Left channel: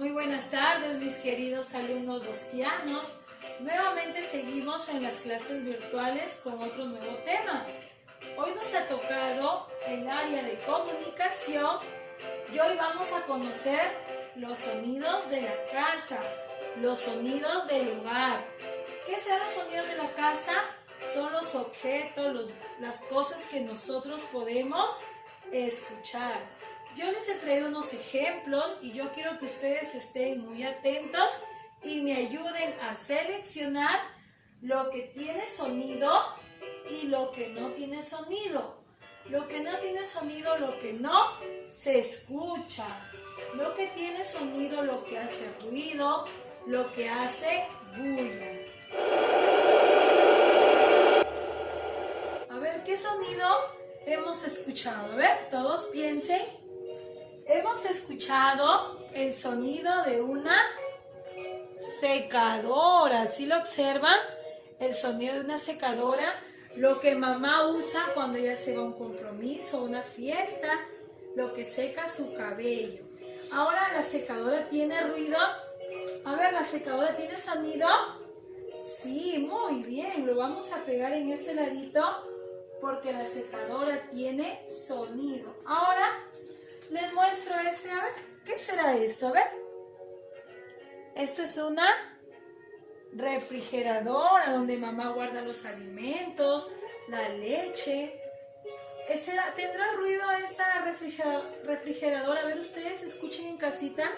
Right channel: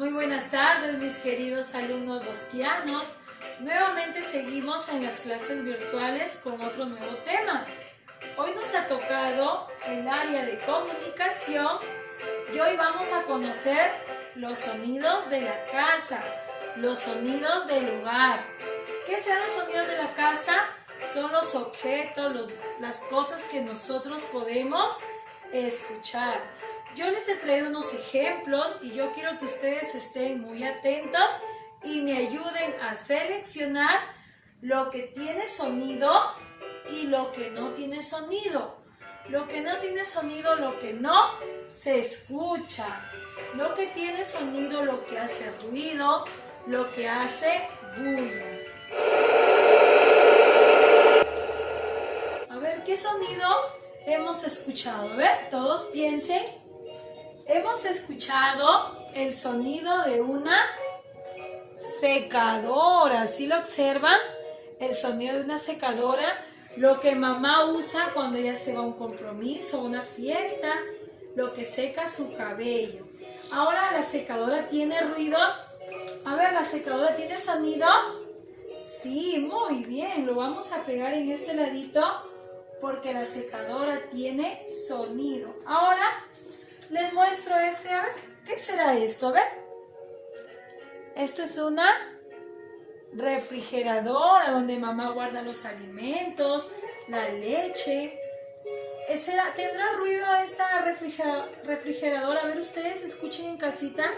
Muy buenas tardes, mis queridos alumnos bosquianos. Nuevamente seguimos en las clases virtuales con otro nuevo tema. Hoy nos ha tocado el área de comunicación y hoy vamos a conocer los sonidos de la casa, los sonidos del lugar. ¿Qué son los sonidos de la casa? Son los objetos, las cosas que nosotros podemos escuchar. Yo les he traído unos ejemplos y yo quiero que ustedes estén muy atentos y me ayuden a seleccionar lo que tiene sonido y lo que no tiene sonido. Lo que no tiene sonido, lo que no se escucha. Lo que tiene sonido, lo que hace ruido, lo que hace bulla. A ver, ¿qué sonido hemos escuchado? A ver, todos piensen. Hemos escuchado el sonido de una secadora. ¿Sí lo observan? El sonido de una secadora, lo que mamá usa cuando ella se va a un compromiso, una fiesta, lo que seca su cabello. Ahora, ¿la secadora tiene ruido? A ver, ¿la secadora tiene sonido? Sí, muy bien. Lo vamos a pegar en este ladito porque la secadora tiene sonido. Ahora les muestro a ver, ¿qué será esto? A ver, esto es una refrigeradora donde mamá guarda los alimentos, la leche. ¿Tendrá ruido esta refrigeradora? A ver, ustedes escuchen en casita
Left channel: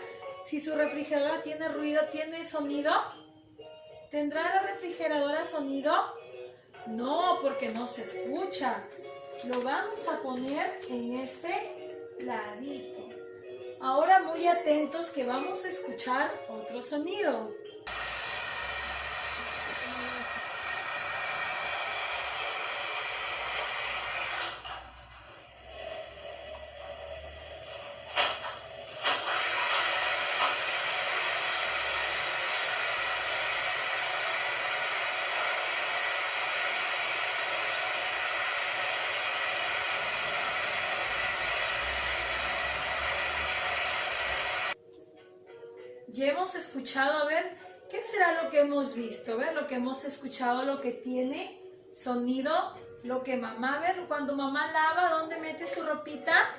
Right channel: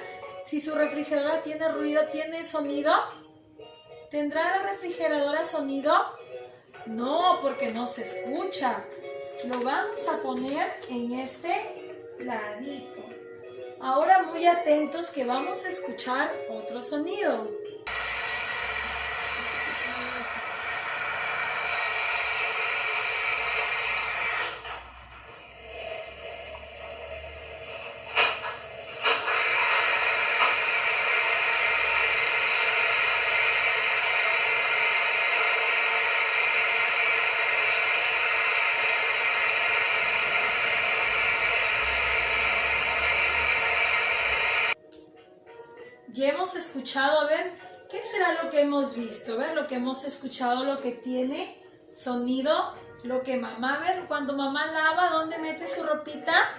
si su refrigeradora tiene ruido, tiene sonido. ¿Tendrá la refrigeradora sonido? No, porque no se escucha. Lo vamos a poner en este ladito. Ahora muy atentos que vamos a escuchar otro sonido. Y hemos escuchado, a ver, ¿qué será lo que hemos visto? A ver, lo que hemos escuchado, lo que tiene sonido, lo que mamá, a ver, cuando mamá lava, ¿dónde mete su ropita?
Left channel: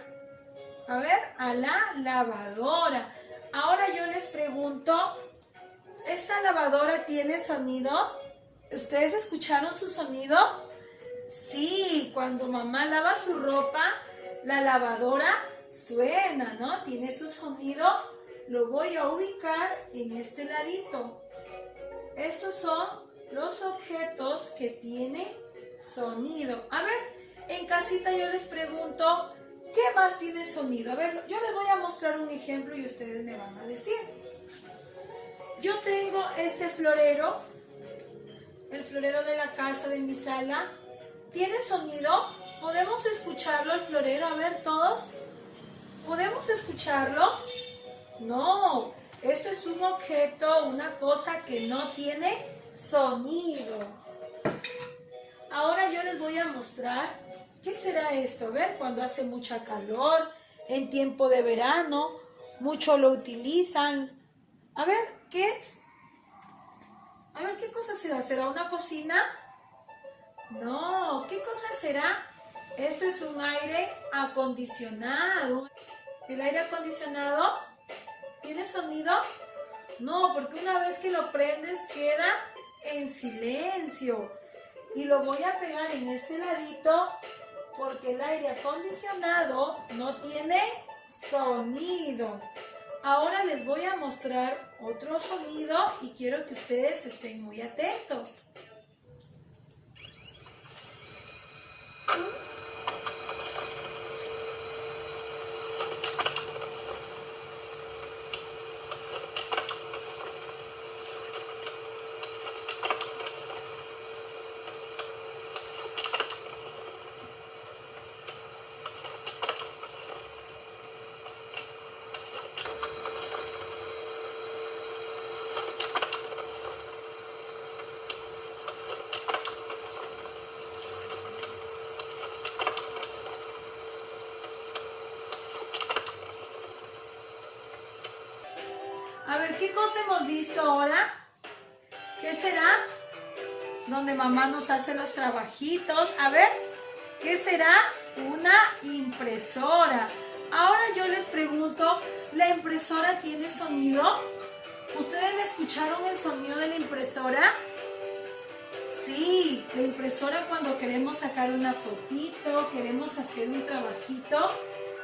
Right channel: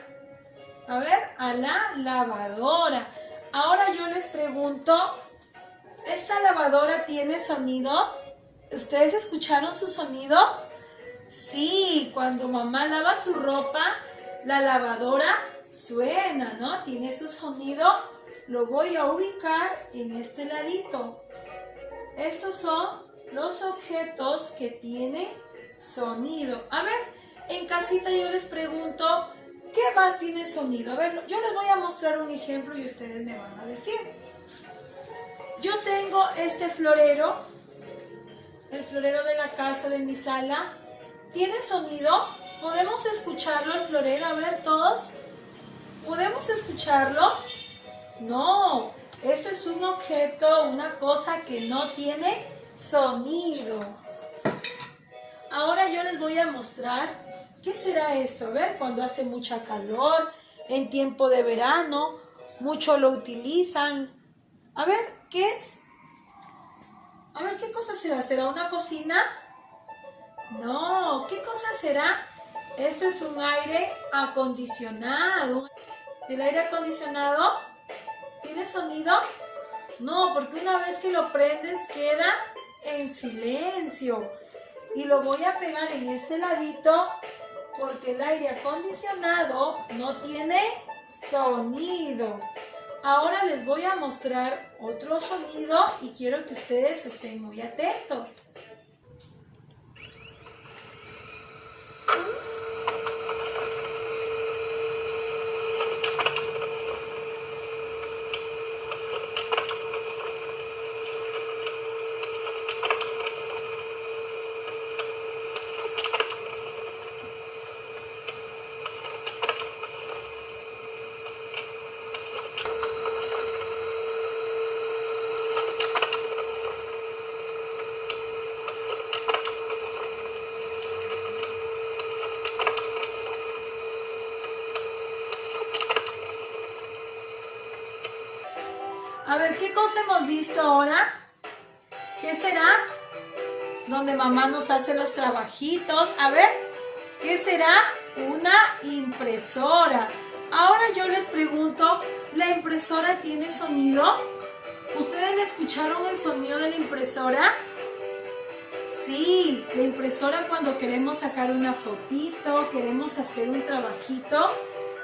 A ver, a la lavadora. Ahora yo les pregunto, ¿esta lavadora tiene sonido? ¿Ustedes escucharon su sonido? Sí, cuando mamá lava su ropa, la lavadora suena, ¿no? Tiene su sonido. Lo voy a ubicar en este ladito. Estos son los objetos que tienen sonido. A ver, en casita yo les pregunto, ¿qué más tiene sonido? A ver, yo les voy a mostrar un ejemplo y ustedes me van a decir. Yo tengo este florero, el florero de la casa de mi sala. ¿Tiene sonido? ¿Podemos escucharlo el florero? A ver, todos. ¿Podemos escucharlo? No, esto es un objeto, una cosa que no tiene sonido. Ahora yo les voy a mostrar qué será esto. A ver, cuando hace mucha calor, en tiempo de verano, mucho lo utilizan. A ver, ¿qué es? A ver, ¿qué cosa será? ¿Será una cocina? No, ¿qué cosa será? Esto es un aire acondicionado. ¿El aire acondicionado tiene sonido? No, porque una vez que lo prendes queda en silencio. Y lo voy a pegar en este ladito porque el aire acondicionado no tiene sonido. Ahora les voy a mostrar otro sonido y quiero que ustedes estén muy atentos. A ver, ¿qué cosa hemos visto ahora? ¿Qué será? Donde mamá nos hace los trabajitos. A ver, ¿qué será? Una impresora. Ahora yo les pregunto, ¿la impresora tiene sonido? ¿Ustedes escucharon el sonido de la impresora? Sí, la impresora cuando queremos sacar una fotito, queremos hacer un trabajito,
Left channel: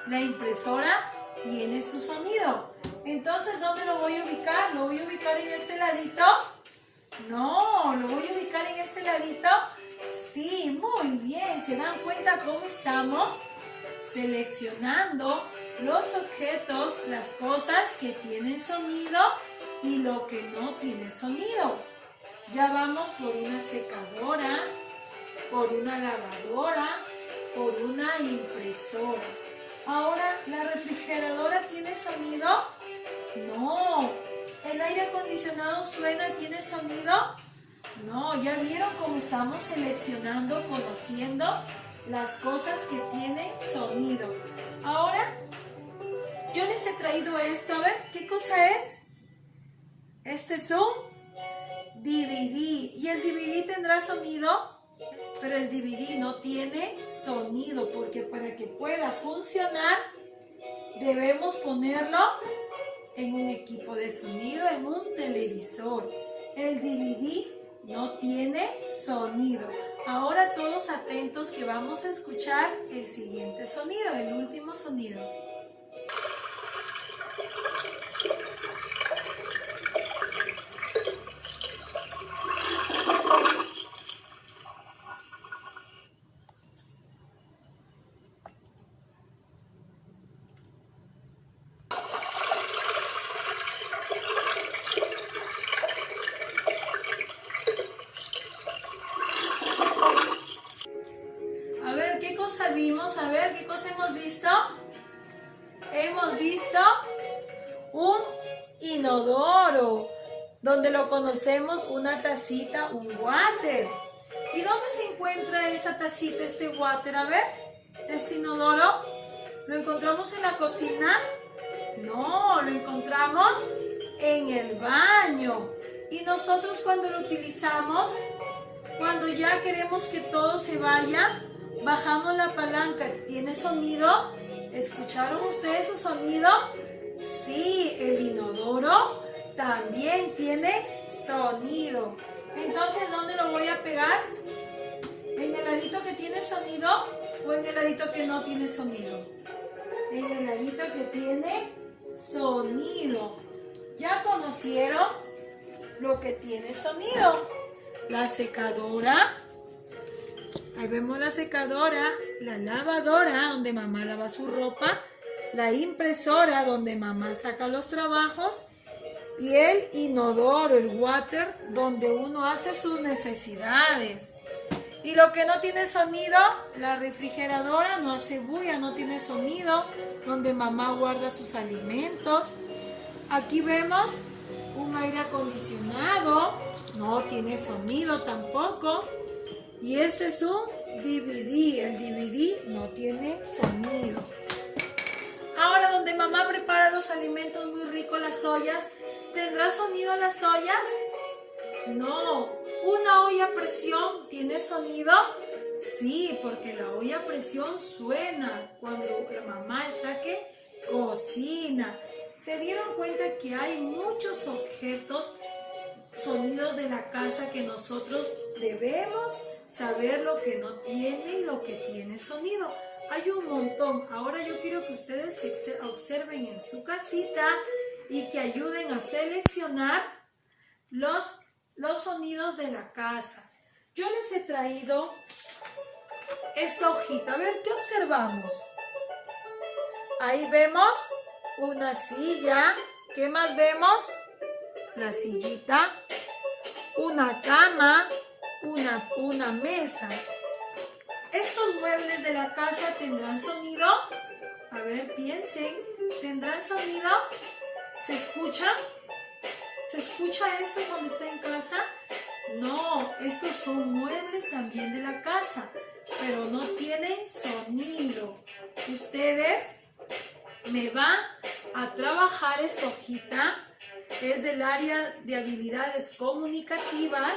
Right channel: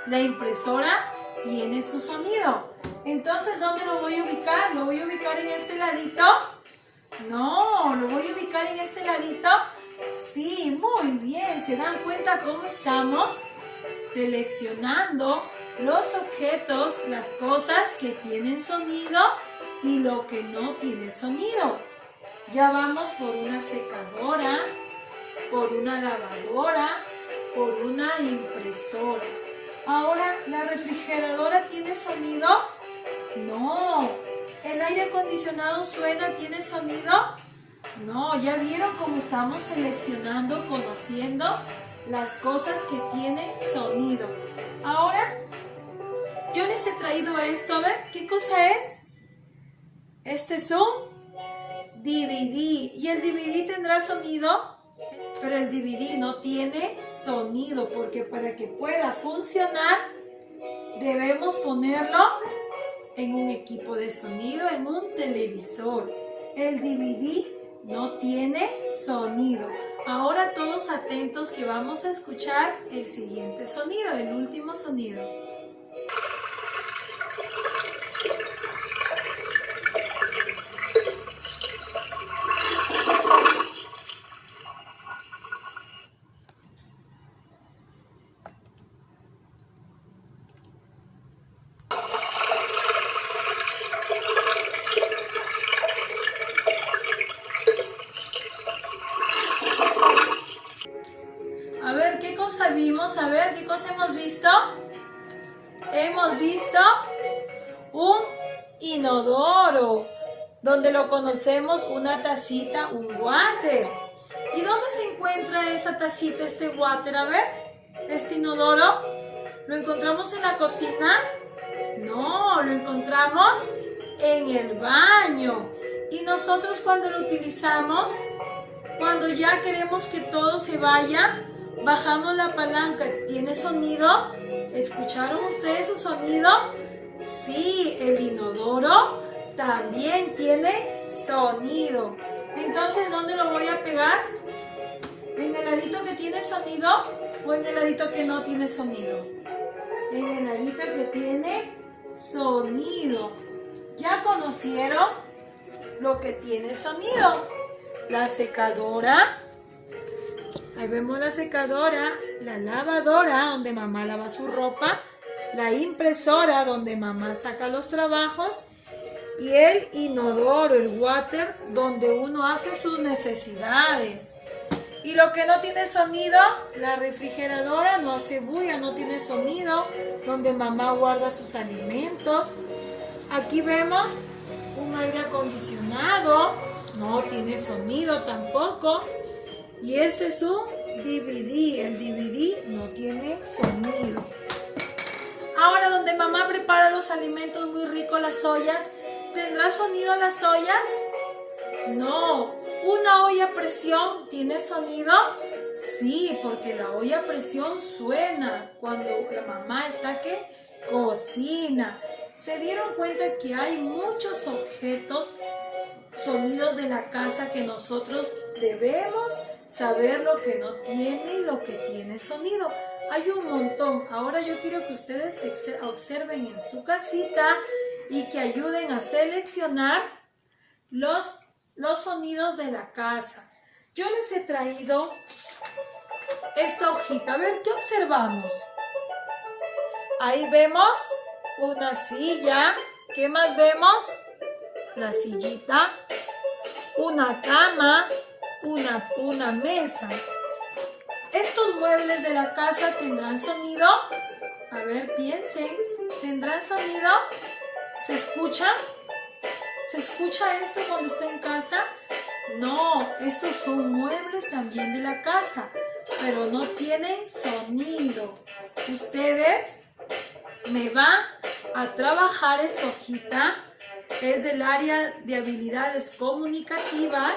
la impresora tiene su sonido. Entonces, ¿dónde lo voy a ubicar? ¿Lo voy a ubicar en este ladito? No, ¿lo voy a ubicar en este ladito? Sí, muy bien. ¿Se dan cuenta cómo estamos seleccionando los objetos, las cosas que tienen sonido y lo que no tiene sonido? Ya vamos por una secadora, por una lavadora, por una impresora. Ahora, ¿la refrigeradora tiene sonido? No. ¿El aire acondicionado suena, tiene sonido? No. ¿Ya vieron cómo estamos seleccionando, conociendo las cosas que tienen sonido? Ahora, yo les he traído esto. A ver, ¿qué cosa es? Este es un DVD. ¿Y el DVD tendrá sonido? Pero el DVD no tiene sonido porque para que pueda funcionar debemos ponerlo en un equipo de sonido, en un televisor. El DVD no tiene sonido. Ahora todos atentos que vamos a escuchar el siguiente sonido, el último sonido. A ver, ¿qué cosa vimos? A ver, ¿qué cosa hemos visto? Hemos visto un inodoro, donde lo conocemos una tacita, un water. ¿Y dónde se encuentra esa tacita, este water? A ver, este inodoro, ¿lo encontramos en la cocina? No, lo encontramos en el baño. Y nosotros cuando lo utilizamos, cuando ya queremos que todo se vaya, bajamos la palanca. ¿Tiene sonido? ¿Escucharon ustedes su sonido? Sí, el inodoro también tiene sonido. Entonces, ¿dónde lo voy a pegar? ¿En el ladito que tiene sonido o en el ladito que no tiene sonido? En el ladito que tiene sonido. ¿Ya conocieron lo que tiene sonido? La secadora. Ahí vemos la secadora, la lavadora donde mamá lava su ropa, la impresora donde mamá saca los trabajos y el inodoro, el water, donde uno hace sus necesidades. Y lo que no tiene sonido, la refrigeradora no hace bulla, no tiene sonido, donde mamá guarda sus alimentos. Aquí vemos un aire acondicionado, no tiene sonido tampoco. Y este es un DVD, el DVD no tiene sonido. Ahora, donde mamá prepara los alimentos muy ricos, las ollas, ¿tendrá sonido las ollas? No. ¿Una olla a presión tiene sonido? Sí, porque la olla a presión suena cuando la mamá está que cocina. ¿Se dieron cuenta que hay muchos objetos, sonidos de la casa que nosotros debemos saber lo que no tiene y lo que tiene sonido? Hay un montón. Ahora yo quiero que ustedes observen en su casita y que ayuden a seleccionar los sonidos de la casa. Yo les he traído esta hojita. A ver, ¿qué observamos? Ahí vemos una silla. ¿Qué más vemos? La sillita. Una cama. Una mesa. ¿Estos muebles de la casa tendrán sonido? A ver, piensen. ¿Tendrán sonido? ¿Se escucha? ¿Se escucha esto cuando está en casa? No, estos son muebles también de la casa, pero no tienen sonido. Ustedes me van a trabajar esta hojita es del área de habilidades comunicativas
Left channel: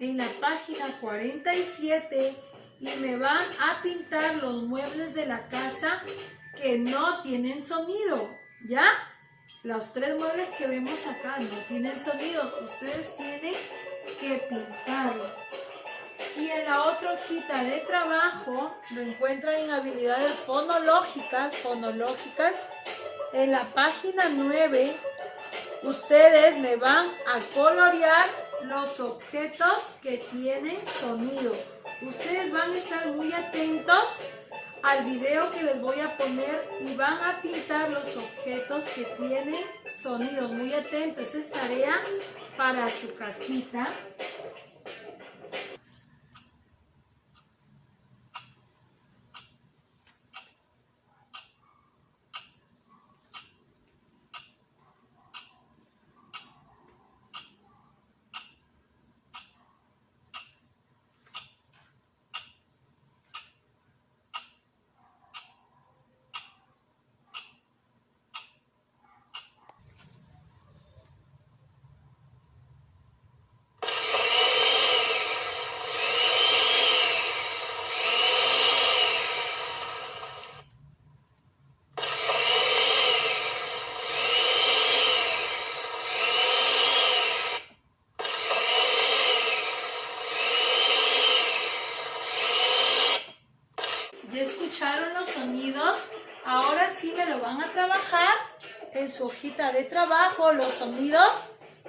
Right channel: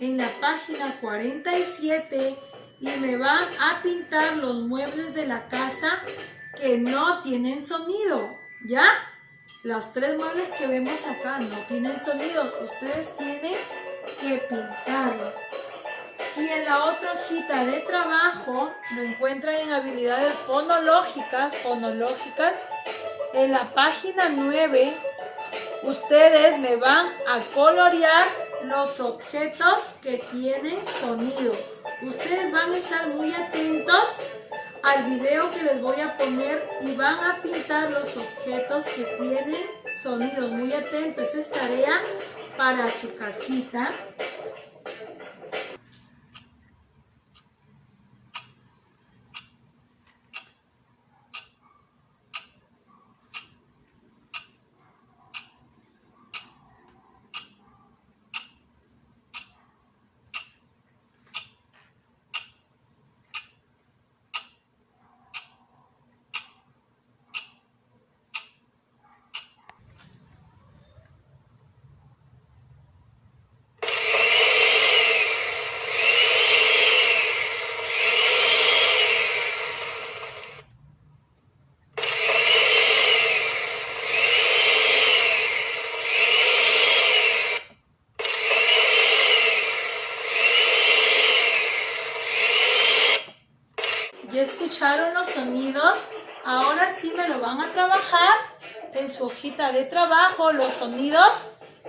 en la página 47 y me van a pintar los muebles de la casa que no tienen sonido, ¿ya? Los 3 muebles que vemos acá no tienen sonidos, ustedes tienen que pintarlo. Y en la otra hojita de trabajo lo encuentran en habilidades fonológicas, en la página 9. Ustedes me van a colorear los objetos que tienen sonido. Ustedes van a estar muy atentos al video que les voy a poner y van a pintar los objetos que tienen sonidos. Muy atentos, esa es tarea para su casita. ¿Ya escucharon los sonidos? Ahora sí me lo van a trabajar en su hojita de trabajo, los sonidos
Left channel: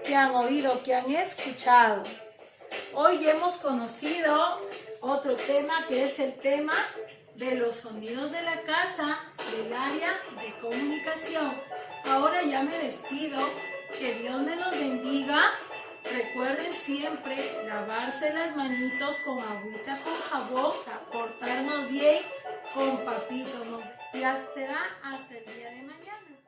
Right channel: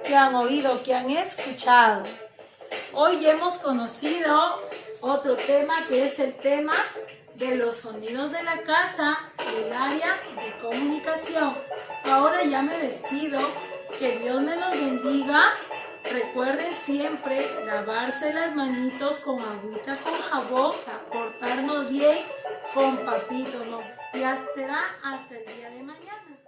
que han oído, que han escuchado. Hoy hemos conocido otro tema que es el tema de los sonidos de la casa, del área de comunicación. Ahora ya me despido, que Dios me los bendiga. Recuerden siempre lavarse las manitos con agüita, con jabón, portarnos bien con papito, ¿no? Y hasta el día de mañana.